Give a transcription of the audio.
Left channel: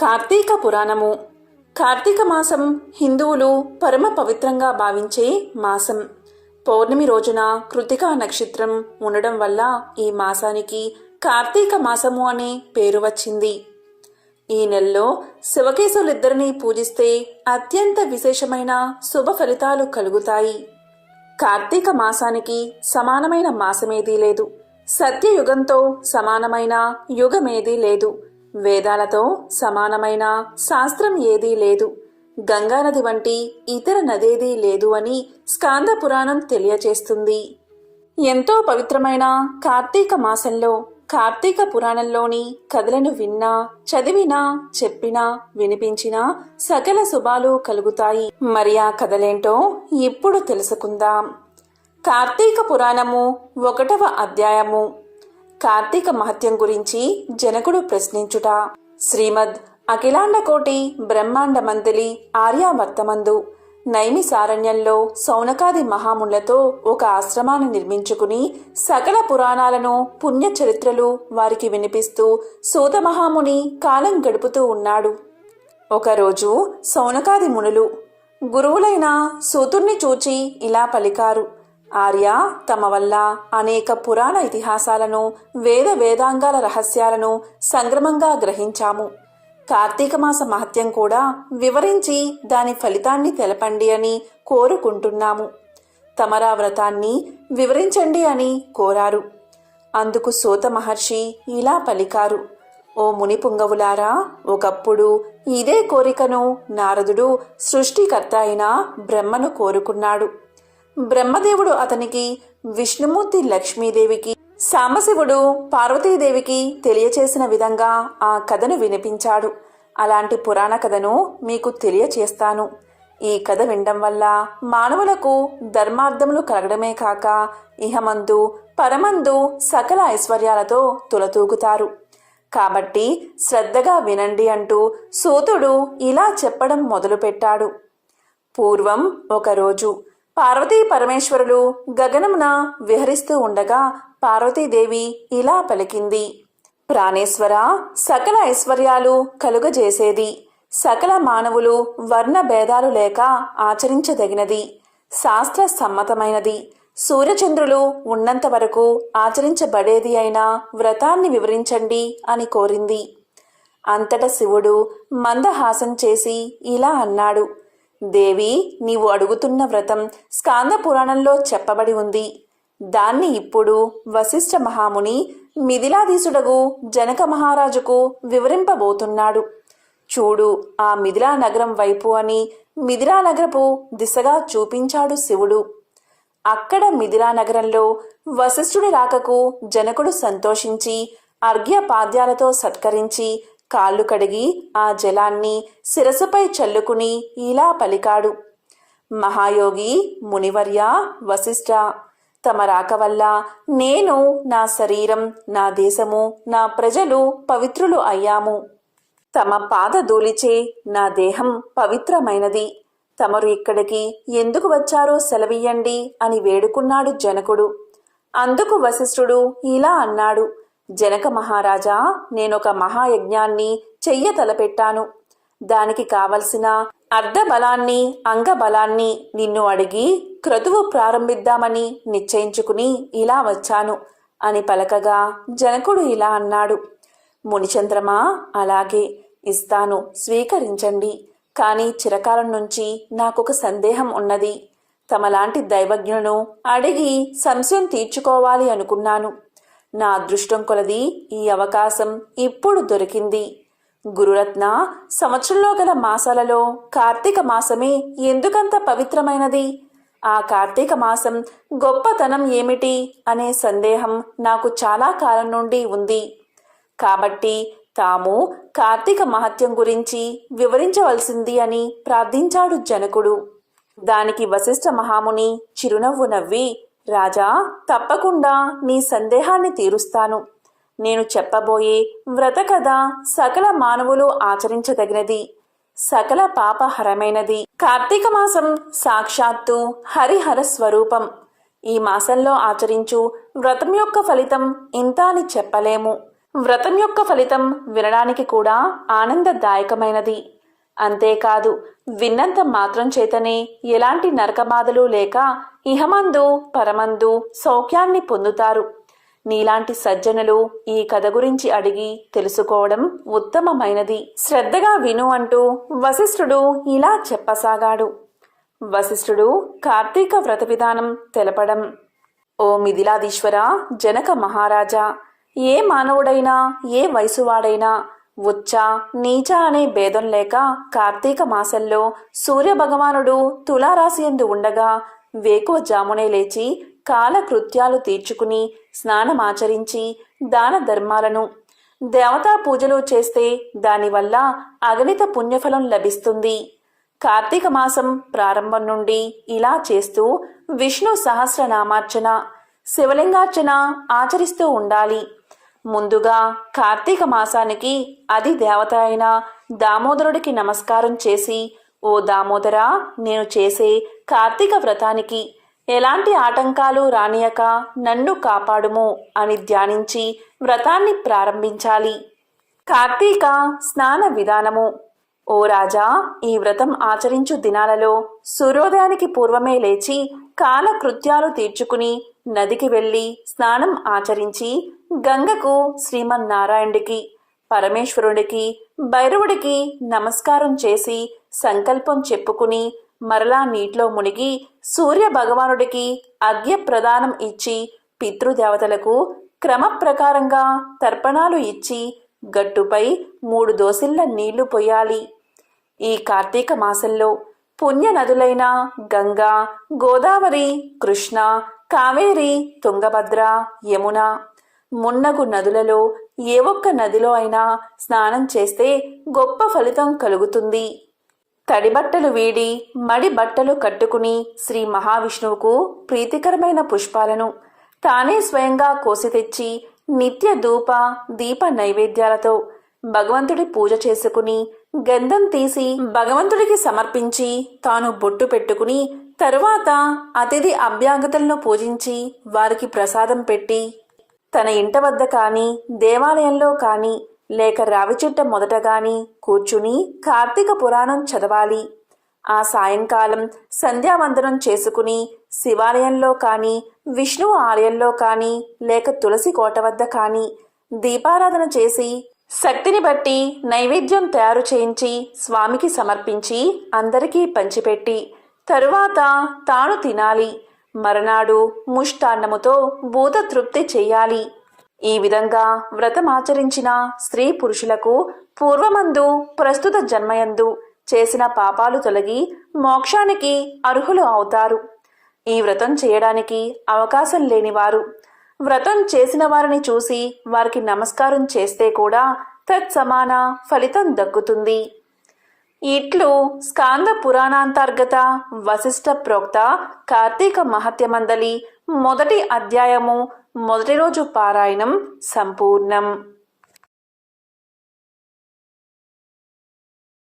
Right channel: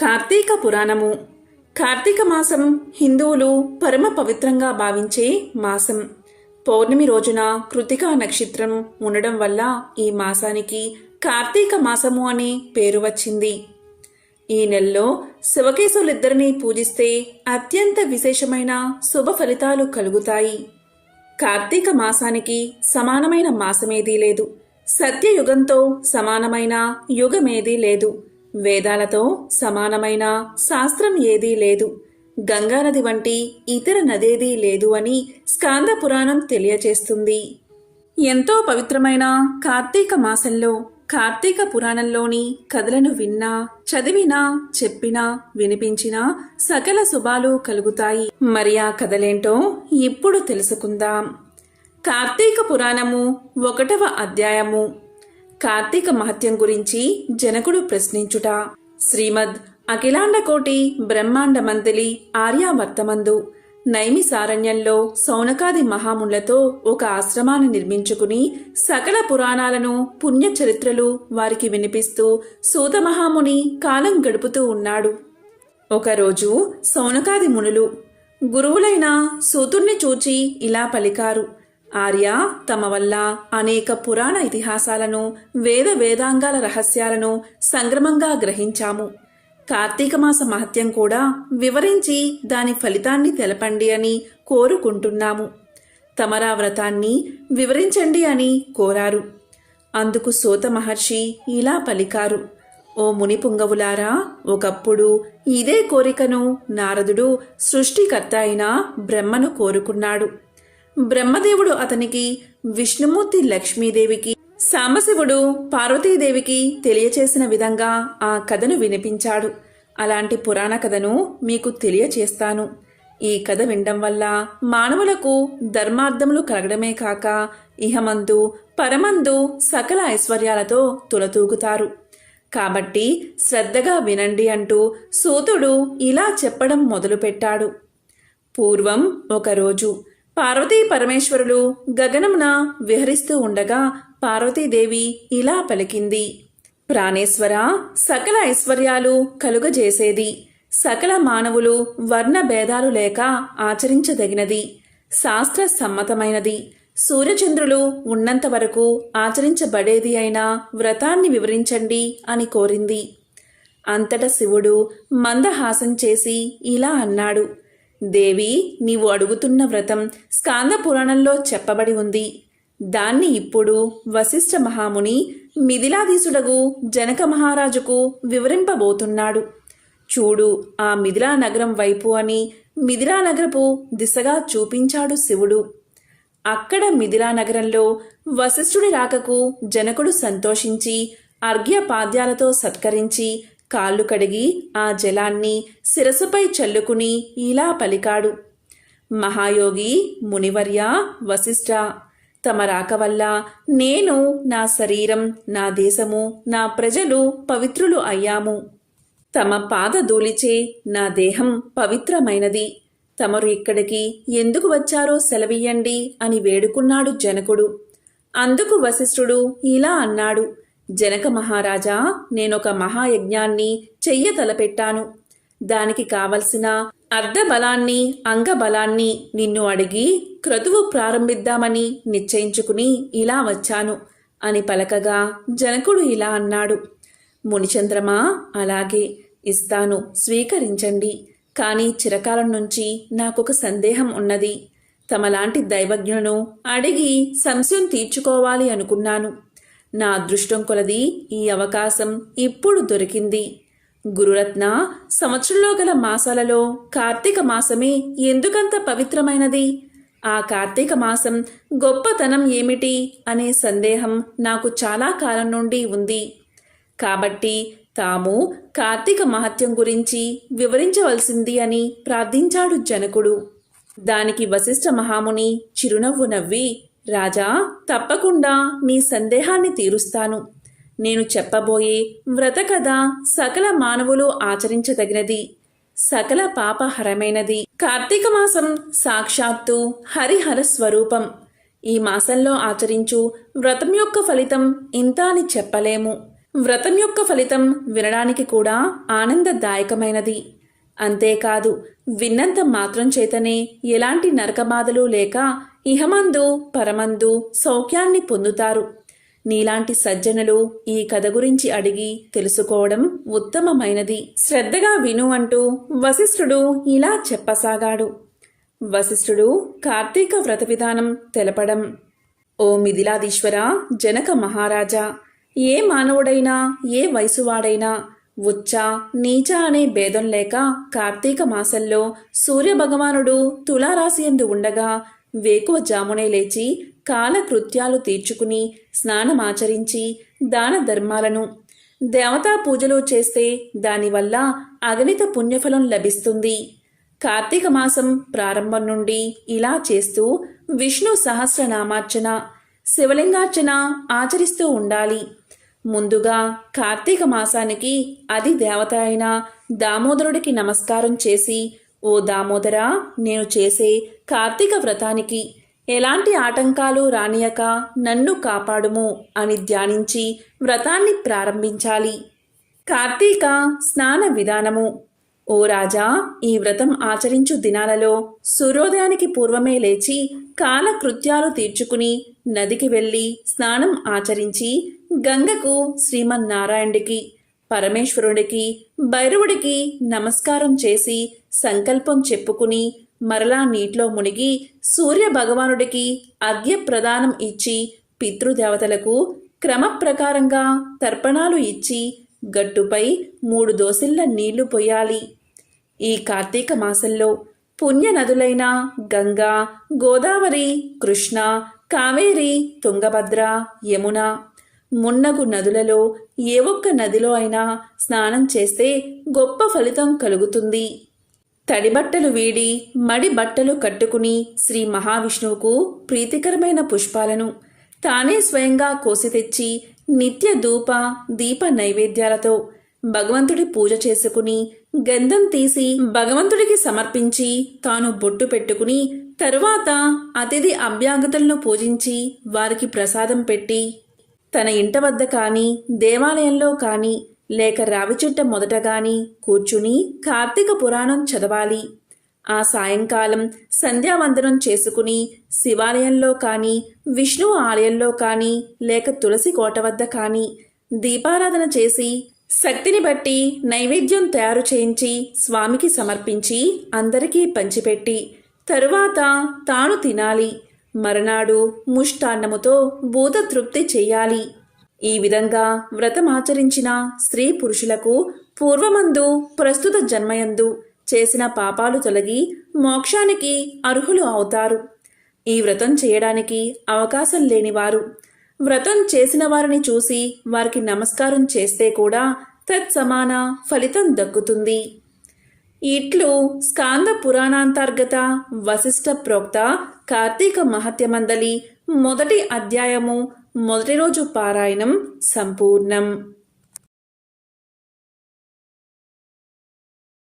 కార్తీక పురాణము. కార్తీక మాసం హిందువులు పరమ పవిత్రంగా భావించే మాసం. పౌర్ణమి రోజున కృతికా నక్షత్రం ఉండడం వల్ల ఈ మాసానికి కార్తీక మాసము అనే పేరు వచ్చింది. ఈ నెలలో శివకేశులిద్దరినీ పూజిస్తే అత్యంత విశేషమైన శుభ ఫలితాలు కలుగుతాయి. కార్తీక మాసానికి సమానమైన మాసమేదీ లేదు. సత్యయుగంతో సమానమైన యుగమేదీ లేదు. వేదాలతో సమానమైన శాస్త్రం ఏదీ లేదు. గంగానది వంటి ఇతర నదేదీ లేదు అని స్కాంద పురాణం తెలియచేస్తుంది. ఎంతో పవిత్రమైన కార్తీక మాసంలో కార్తీక పురాణంలోని కథలను విన్నా చదివినా చెప్పినా వినిపించినా సకల శుభాలు కలుగుతాయి. మరి ఆ కథలేంటో ఇప్పుడు తెలుసుకుందాం. కార్తీక పురాణము ఒకటవ అధ్యాయము. కార్తీక మహత్యం గురించి జనకుడు ప్రశ్నించుట. శ్రీమద్ అఖిలాండకోటి బ్రహ్మాండ మంతలి ఆర్యావర్తమందు నైమిసారణ్యంలో సౌనకాది మహామునులతో ఒక ఆశ్రమాన్ని నిర్మించుకుని సకల పురాణాలను పుణ్యచరిత్రలు వారికి వినిపిస్తూ సూతమహాముని కాలం గడుపుతూ ఉన్నాడు. ఒకరోజు సౌనకాది మునులు గురువులైన సూతుణ్ణి చూచి ఇలా పలికారు. ఆర్య తమ వల్ల అనేక పురాణ ఇతిహాసాలను వేద వేదాంగాల రహస్యాలను సంగ్రమంగా గ్రహించాము. కార్తీక మాస మహత్యం కూడా వివరించి దాని ఫలితాన్ని తెలపండి అని కోరుకుంటున్నాము. తమరా వ్రతాన్ని వివరించండి అని కోరారు. అందుకు సోత మహర్షి ఇలా పలికారు. ఓ ముని పుంగవులారా ఒకప్పుడు ఇదే కోరికను నారదుడు సృష్టికర్త అయిన బ్రహ్మను కోరుకున్నాడు. బ్రహ్మదేవుడు అతనికి విష్ణుమూర్తి లక్ష్మీదేవికి సాంబశివుడు పార్వతీదేవికి తెలియచేసిన విధంగా ఆ కథను వినిపించాడు. అలాంటి పురాణ కథను మీకు తెలియచేస్తాను. ఈ కథ వినడం వల్ల మానవులకు ధర్మార్థములు కలగడమే కాక ఇహమందు పరమందు సకల ఐశ్వర్యాలతో తులతూగుతారు. కాబట్టి శ్రద్ధగా వినండి అంటూ సూతుడు ఇలా చెప్పడం మొదలుపెట్టాడు. పూర్వం ఒకరోజు పార్వతీ పరమేశ్వరులు గగనమున విహరిస్తూ ఉండగా పార్వతీదేవి ఇలా పలికింది. ప్రాణేశ్వర సకల ఐశ్వర్యాలు కలుగజేసేది. సకల మానవులు వర్ణ భేదాలు లేక ఆచరించదగినది. శాస్త్ర సమ్మతమైనది. సూర్యచంద్రులు ఉన్నంత వరకు ఆచరించబడేది అయిన వ్రతాన్ని వివరించండి అని కోరింది. అంతట శివుడు మందహాసం చేసి ఇలా అన్నాడు. దేవి నీవు అడుగుతున్న వ్రతం స్కాంద పురాణంలో చెప్పబడి ఉంది. దాన్ని ఇప్పుడు వశిష్ఠ మహాముని మిథిలాధీసుడగు జనక మహారాజుకు వివరింపబోతున్నాడు. చూడు ఆ మిథిలా నగరం వైపు అని మిథిలా నగరపు దిశగా చూపించాడు శివుడు. అక్కడ మిథిలా నగరంలో వశిష్ఠుడి రాకకు జనకుడు సంతోషించి అర్ఘ్యపాద్యాలతో సత్కరించి కాళ్ళు కడిగి ఆ జలాన్ని శిరసుపై చల్లుకుని ఇలా పలికాడు. మహాయోగి మునివర్య వశిష్ఠ తమ రాక వల్ల నేను నా శరీరం నా దేశము నా ప్రజలు పవిత్రులు అయ్యాము. తమ పాద ధూళిచే నా దేహం పవిత్రమైనది. తమరు ఇక్కడికి ఎందుకు వచ్చారో సెలవియ్యండి అని వేడుకున్నాడు జనకుడు. అందుకు వశిష్ఠుడు ఇలా అన్నాడు. జనక మహారాజా నేనొక మహాయజ్ఞాన్ని చెయ్య తలపెట్టాను. దానికి కావలసిన అర్ధబలాన్ని అంగబలాన్ని నిన్ను అడిగి క్రతువు ప్రారంభిద్దామని నిశ్చయించుకుని ఇలా వచ్చాను అని పలకగా జనకుడు ఇలా అన్నాడు. మునిచంద్రమా అలాగే ఇస్తాను స్వీకరించండి. కానీ చిరకాలం నుంచి నాకొక సందేహం ఉన్నది. తమలాంటి దైవజ్ఞులను అడిగి సంశయం తీర్చుకోవాలి అనుకున్నాను. నా అదృష్టం కొలది ఈ అవకాశం ఇప్పుడు దొరికింది. గురురత్న సంవత్సరంలో గల మాసాలలో కార్తీక మాసమే ఎందుకంత పవిత్రమైనది? ఆ కార్తీక మాసం గొప్పతనం ఏమిటి అనే సందేహం నాకు చాలా కాలం నుండి ఉంది. కాబట్టి తాము కార్తీక మహత్యం గురించి వివరించవలసింది అని ప్రార్థించాడు జనకుడు. దానికి వశిష్ఠ మహాముని చిరునవ్వు నవ్వి రాజా తప్పకుండా మీ సందేహాన్ని తీరుస్తాను. నేను చెప్పబోయే వ్రత కథ సకల మానవులు ఆచరించదగినది. సకల పాపహరమైనది. కార్తీక మాసం సాక్షాత్తు హరిహర స్వరూపం. ఈ మాసంలో ఆచరించు వ్రతం యొక్క ఫలితం ఇంత అని చెప్పలేము. వ్రతం యొక్క ఫలితం వినడానికి కూడా ఆనందదాయకమైనది. అంతేకాదు విన్నంత మాత్రం చేతనే ఎలాంటి నరకబాధలు లేక ఇహమందు పరమందు సౌఖ్యాన్ని పొందుతారు. నీలాంటి సజ్జనులు ఈ కథ గురించి అడిగి తెలుసుకోవడం ఉత్తమమైనది. శ్రద్ధగా విను అంటూ వశిష్ఠుడు ఇలా చెప్పసాగాడు. వశిష్ఠుడు కార్తీక వ్రత విధానం తెలపడం. ఓ మిథిలాదీశ్వర జనక మహారాజా ఏ మానవుడైనా ఏ వయసువాడైనా ఉచ్చ నీచ అనే భేదం లేక కార్తీక మాసంలో సూర్యభగవానుడు తులారాశి ఎందు ఉండగా వేకువ జామునే లేచి కాలకృత్యాలు తీర్చుకుని స్నానమాచరించి దాన ధర్మాలను. దేవతా పూజలు చేస్తే దానివల్ల అగణిత పుణ్యఫలం లభిస్తుంది. కార్తీక మాసం ప్రారంభం నుండి ఇలా చేస్తూ విష్ణు సహస్రనామార్చన శివలింగార్చన ఆచరిస్తూ ఉండాలి. ముందుగా కార్తీక మాసానికి అది దేవత అయిన దామోదరుడికి నమస్కారం చేసి ఓ దామోదరా నేను చేసే కార్తీక వ్రతానికి ఎలాంటి ఆటంకాలు రానియక నన్ను కాపాడుము అని ధ్యానించి వ్రతాన్ని ప్రారంభించాలి. కార్తీక స్నాన విధానము. ఓ రాజా ఈ వ్రతం ఆచరించు దినాలలో సూర్యోదయానికి పూర్వమే లేచి కాలకృత్యాలు తీర్చుకుని నదికి వెళ్ళి స్నానం ఆచరించి గంగకు శ్రీమన్నారాయణుడికి పరమేశ్వరుడికి భైరవుడికి నమస్కారం చేసి సంకల్పం చెప్పుకుని మరలా నీటిలో మునిగి సూర్య భగవానుడికి అర్ఘ్య ప్రదానం ఇచ్చి పితృదేవతలకు క్రమప్రకారంగా తర్పణాలు ఇచ్చి గట్టుపై మూడు దోసిళ్ళ నీళ్ళు పొయ్యాలి. ఈ కార్తీక మాసంలో పుణ్య నదులైన గంగా గోదావరి కృష్ణ కావేరి తుంగభద్ర యమున మున్నగు నదులలో ఏ ఒక్క నదిలో అయినా స్నానం చేస్తే గొప్ప ఫలితం కలుగుతుంది. తడి బట్టలు వీడి మడి బట్టలు కట్టుకుని శ్రీ మహావిష్ణువుకు ప్రీతికరమైన పుష్పాలను తానే స్వయంగా కోసి తెచ్చి నిత్య ధూప దీప నైవేద్యాలతో భగవంతుడి పూజ చేసుకుని గంధం తీసి భగవంతుడికి సమర్పించి తాను బొట్టు పెట్టుకుని తరువాత అతిథి అభ్యాగతులను పూజించి వారికి ప్రసాదం పెట్టి తన ఇంట వద్ద కానీ దేవాలయంలో కానీ లేక రావి చెట్ట మొదట కానీ కూర్చుని కార్తీక పురాణం చదవాలి. ఆ సాయంకాలం సంధ్యావందనం చేసుకుని శివాలయంలో కానీ విష్ణు ఆలయంలో కానీ లేక తులసి కోట వద్ద కానీ దీపారాధన చేసి శక్తిని బట్టి నైవేద్యం తయారు చేయించి స్వామికి సమర్పించి అందరికీ పంచిపెట్టి తరువాత తాను తినాలి. మరనాడు ముష్టాన్నముతో భూత తృప్తి చెయ్యాలి ఈ విధంగా వ్రతమాచరించిన స్త్రీ పురుషులకు పూర్వమందు ప్రస్తుత జన్మయందు చేసిన పాపాలు తొలగి మోక్షానికి అర్హులు అవుతారు. ఈ వ్రతం చేయడానికి అవకాశం లేనివారు వ్రతం చేసిన వారిని చూసి వారికి నమస్కారం చేస్తే కూడా తత్సమాన ఫలితం దక్కుతుంది. ఇట్లు స్కాంద పురాణాంతర్గత వశిష్ఠ ప్రోక్త కార్తీక మహత్యమందలి మొదటి అధ్యాయము మొదటి రోజు పారాయణం సంపూర్ణం.